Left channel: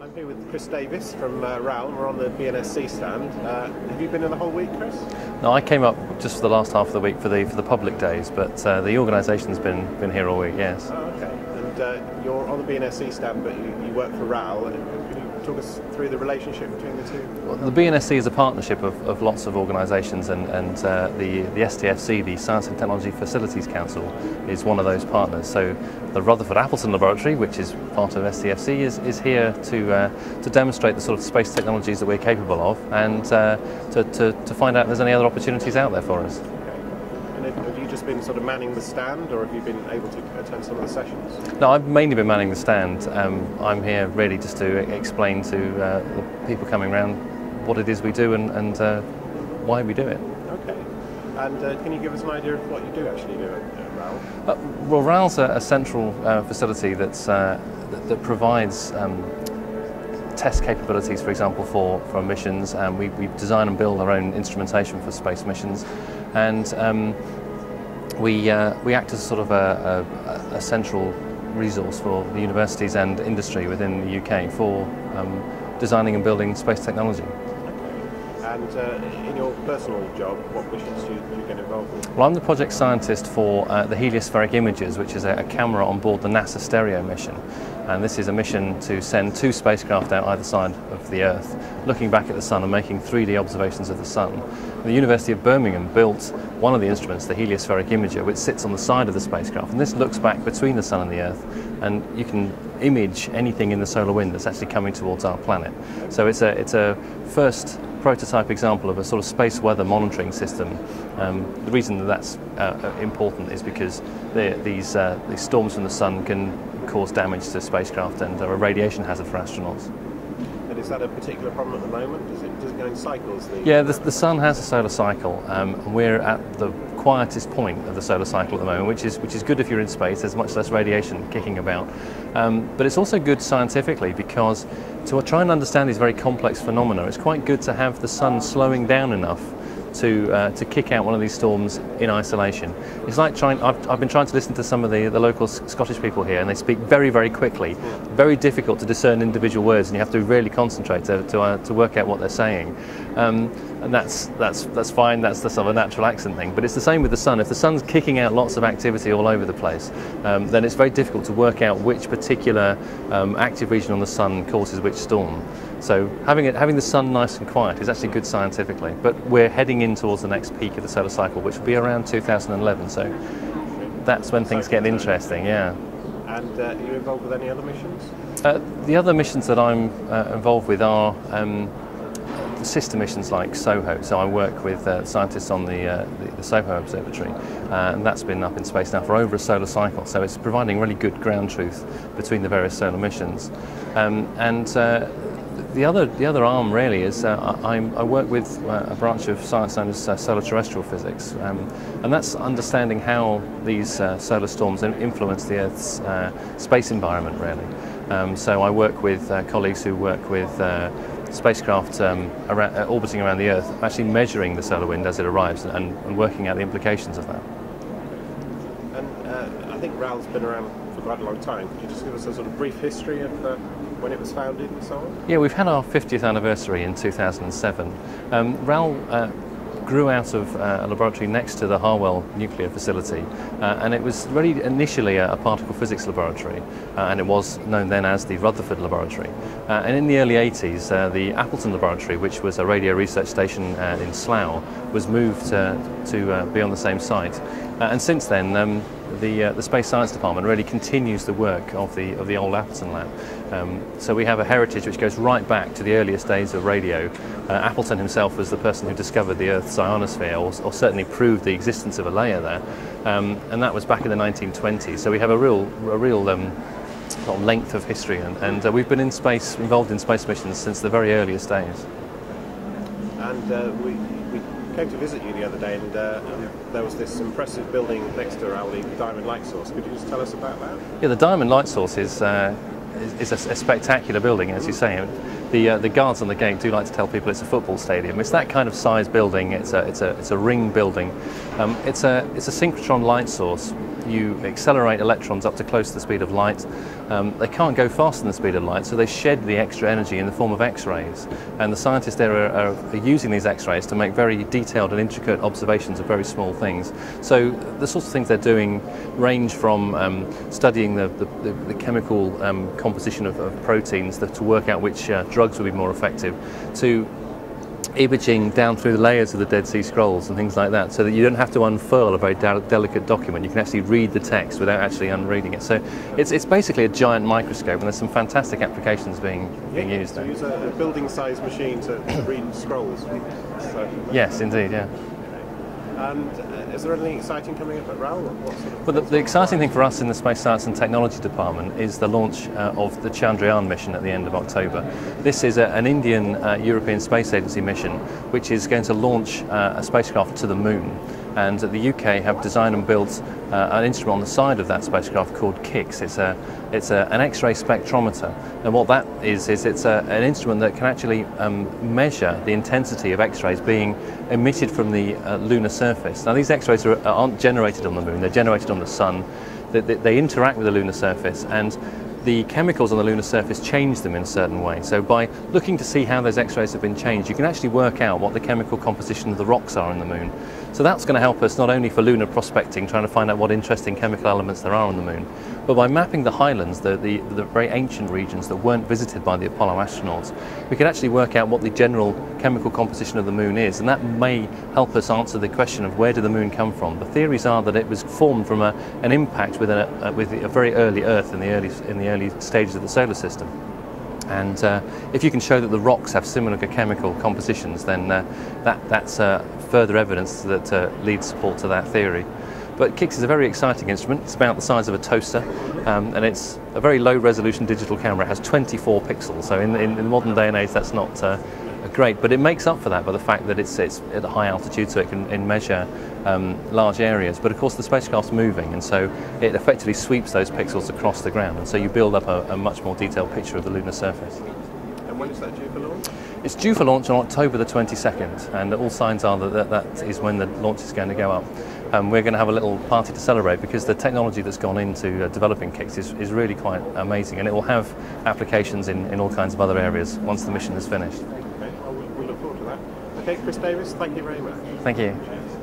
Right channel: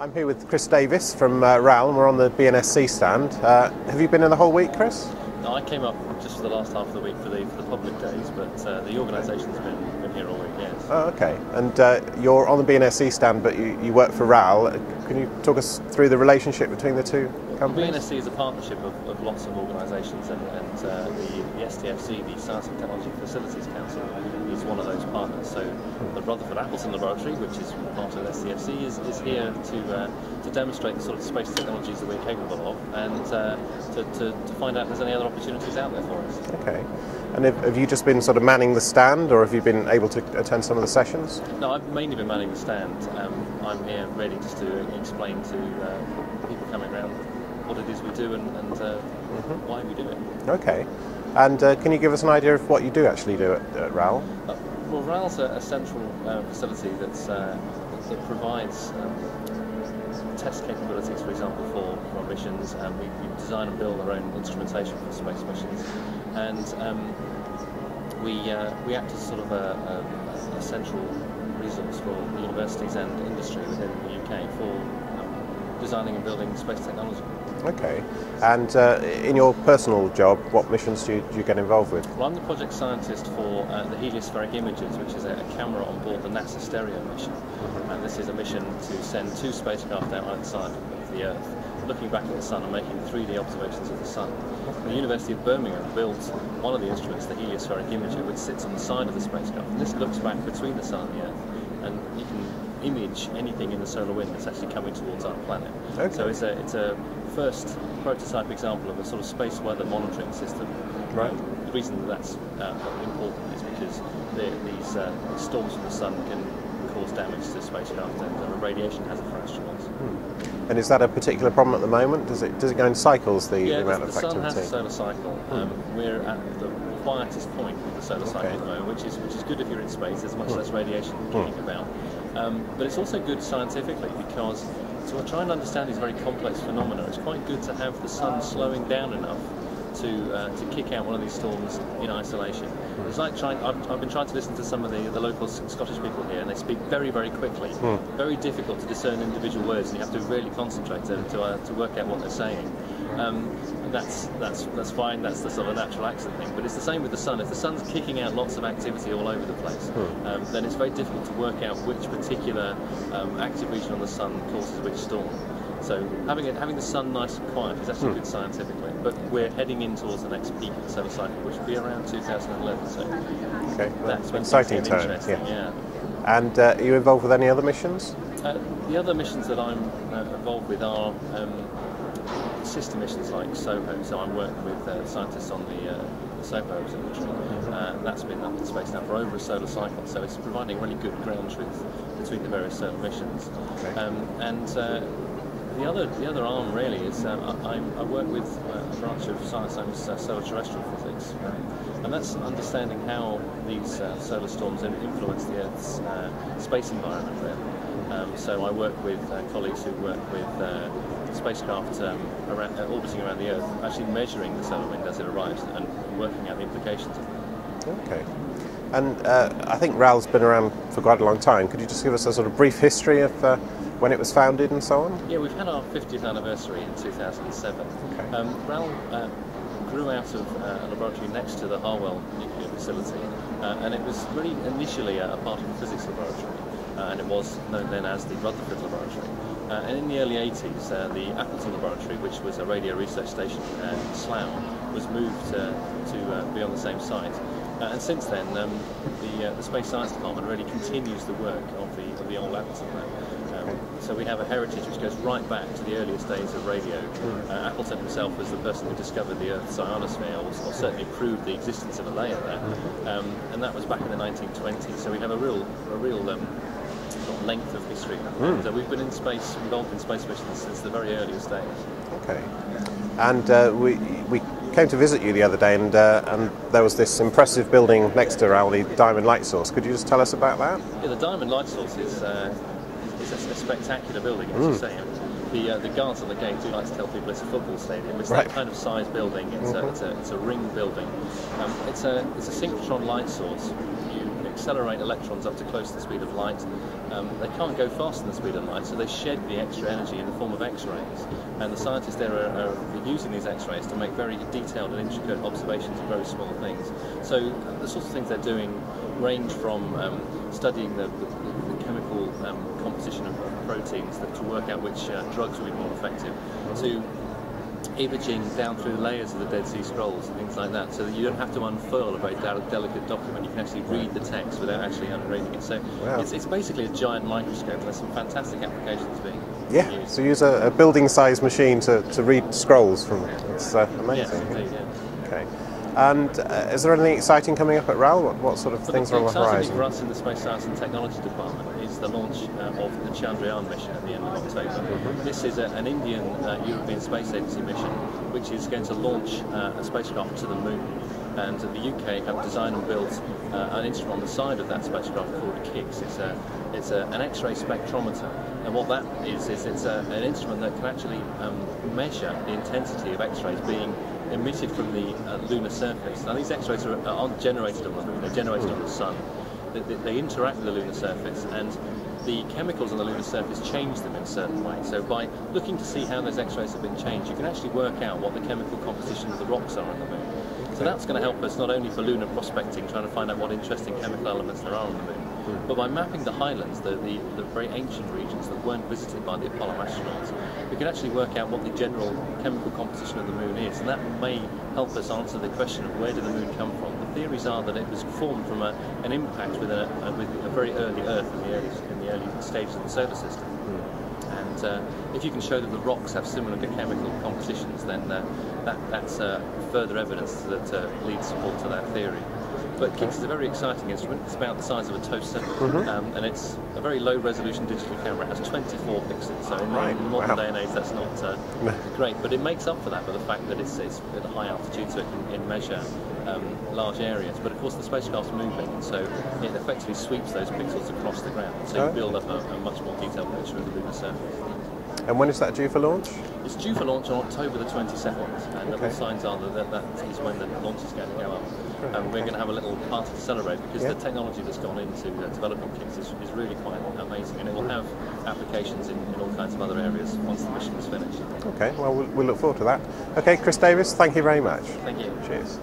I'm here with Chris Davis from RAL, and we're on the BNSC stand. Have you been in the whole week, Chris? No, I came up just for the last half of the week for the public days, but the organisation's been here all week. Yes. Oh, okay. And you're on the BNSC stand, but you work for RAL. Can you talk us through the relationship between the two companies? The BNSC is a partnership of lots of organisations, and the STFC, the Science and Technology Facilities Council, is one of those partners. So the Rutherford Appleton laboratory, which is part of STFC, is here to demonstrate the sort of space technologies that we're capable of, and to find out if there's any other opportunities out there for us. Okay. And have you just been sort of manning the stand, or have you been able to attend some of the sessions? No, I've mainly been manning the stand. I'm here really just to explain to the people coming around what it is we do and why we do it. Okay. And can you give us an idea of what you do actually do at RAL? Well, RAL's a central facility that provides test capabilities, for example, for missions. We design and build our own instrumentation for space missions, and we act as sort of a central resource for the universities and industry within the UK for designing and building space technology. Okay. And in your personal job, what missions do you get involved with? Well, I'm the project scientist for the heliospheric imagers, which is a camera on board the NASA Stereo mission. And this is a mission to send 2 spacecraft out either side of the Earth, looking back at the Sun and making 3D observations of the Sun. The University of Birmingham built one of the instruments, the heliospheric imager, which sits on the side of the spacecraft. And this looks back between the Sun and the Earth, and you can image anything in the solar wind that's actually coming towards our planet. Okay. So it's a first prototype example of a sort of space weather monitoring system. The reason that that's important is because these storms from the Sun can cause damage to spacecraft and are a radiation hazard for astronauts. And is that a particular problem at the moment? Does it go in cycles? Yeah, the Sun has a solar cycle. We're at the quietest point of the solar cycle at the moment, which is good if you're in space. There's much less radiation kicking about. But it's also good scientifically, because to try and understand these very complex phenomena, it's quite good to have the Sun slowing down enough to kick out one of these storms in isolation. It's like I've been trying to listen to some of the local Scottish people here, and they speak very, very quickly. Very difficult to discern individual words, and you have to really concentrate to work out what they're saying. And that's fine. That's the sort of natural accent thing. But it's the same with the Sun. If the Sun's kicking out lots of activity all over the place, then it's very difficult to work out which particular active region on the Sun causes which storm. So having the Sun nice and quiet is actually good scientifically. But we're heading in towards the next peak of the solar cycle, which will be around 2011. So that's when things get interesting. Yeah. And are you involved with any other missions? The other missions that I'm involved with are sister missions like SOHO. So I work with scientists on the SOHO observatory, and that's been up in space now for over a solar cycle. So it's providing really good ground truth between the various solar missions. The other arm really is I work with a branch of science known as solar terrestrial physics, and that's understanding how these solar storms influence the Earth's space environment really. So I work with colleagues who work with spacecraft orbiting around the Earth, actually measuring the solar wind as it arrives and working out the implications of that. Okay. And I think RAL's been around for quite a long time. Could you just give us a sort of brief history of when it was founded and so on? Yeah, we've had our 50th anniversary in 2007. RAL grew out of a laboratory next to the Harwell nuclear facility, and it was really initially a particle physics laboratory, and it was known then as the Rutherford laboratory. And in the early 80s, the Appleton laboratory, which was a radio research station in Slough, was moved to be on the same site. And since then, the Space Science Department really continues the work of the old Appleton lab. So we have a heritage which goes right back to the earliest days of radio. Appleton himself was the person who discovered the Earth's ionosphere, or certainly proved the existence of a layer there, and that was back in the 1920s. So we have a real length of history, and we've been involved in space missions since the very earliest days. Okay. And we came to visit you the other day, and there was this impressive building next to RAL, the Diamond Light Source. Could you just tell us about that? Yeah, the Diamond Light Source is a spectacular building, as you say. The guards on the gate do like to tell people it's a football stadium. It's that kind of size building. It's a ring building. It's a synchrotron light source you accelerate electrons up to close to the speed of light. They can't go faster than the speed of light, so they shed the extra energy in the form of X-rays. And the scientists there are using these X-rays to make very detailed and intricate observations of very small things. So the sorts of things they're doing range from studying the chemical composition of proteins to work out which drugs will be more effective, to imaging down through the layers of the Dead Sea Scrolls and things like that, so that you don't have to unfurl a very delicate document. You can actually read the text without actually unreading it. So it's basically a giant microscope, and there's some fantastic applications being used. So use a building-sized machine to read scrolls from. Yes, indeed, yeah. Okay. And is there anything exciting coming up at RAL? What sort of things? The exciting thing for us in the Space Science and Technology Department is the launch of the Chandrayaan mission at the end of October. This is an Indian European Space Agency mission which is going to launch a spacecraft to the moon. And the UK have designed and built an instrument on the side of that spacecraft called KIX. It's an X-ray spectrometer, and what that is it's an instrument that can actually measure the intensity of X-rays being emitted from the lunar surface. Now, these X-rays aren't generated on the moon; they're generated on the sun. They interact with the lunar surface, and the chemicals on the lunar surface change them in a certain way. So by looking to see how those X-rays have been changed, you can actually work out what the chemical composition of the rocks are on the moon. So that's going to help us not only for lunar prospecting, trying to find out what interesting chemical elements there are on the moon, but by mapping the highlands, the very ancient regions that weren't visited by the Apollo astronauts, we can actually work out what the general chemical composition of the moon is, and that may help us answer the question of where did the moon come from. The theories are that it was formed from an impact with a very early Earth in the early stages of the solar system. And if you can show that the rocks have similar chemical compositions, then that's further evidence that leads support to that theory. But KIX is a very exciting instrument. It's about the size of a toaster, and it's a very low-resolution digital camera. It has 24 pixels, so in the modern day and age, that's not great. But it makes up for that by the fact that it's at a high altitude, so it can measure large areas. But of course, the spacecraft's moving, and so it effectively sweeps those pixels across the ground, and so you build up a much more detailed picture of the lunar surface. And when is that due for launch? It's due for launch on October the 22nd, and all signs are that is when the launch is going to go up. We're going to have a little party to celebrate, because the technology that's gone into developing KIX is really quite amazing, and it will have applications in all kinds of other areas once the mission is finished. Okay, well, we'll look forward to that. Okay, Chris Davis, thank you very much. Thank you. Cheers.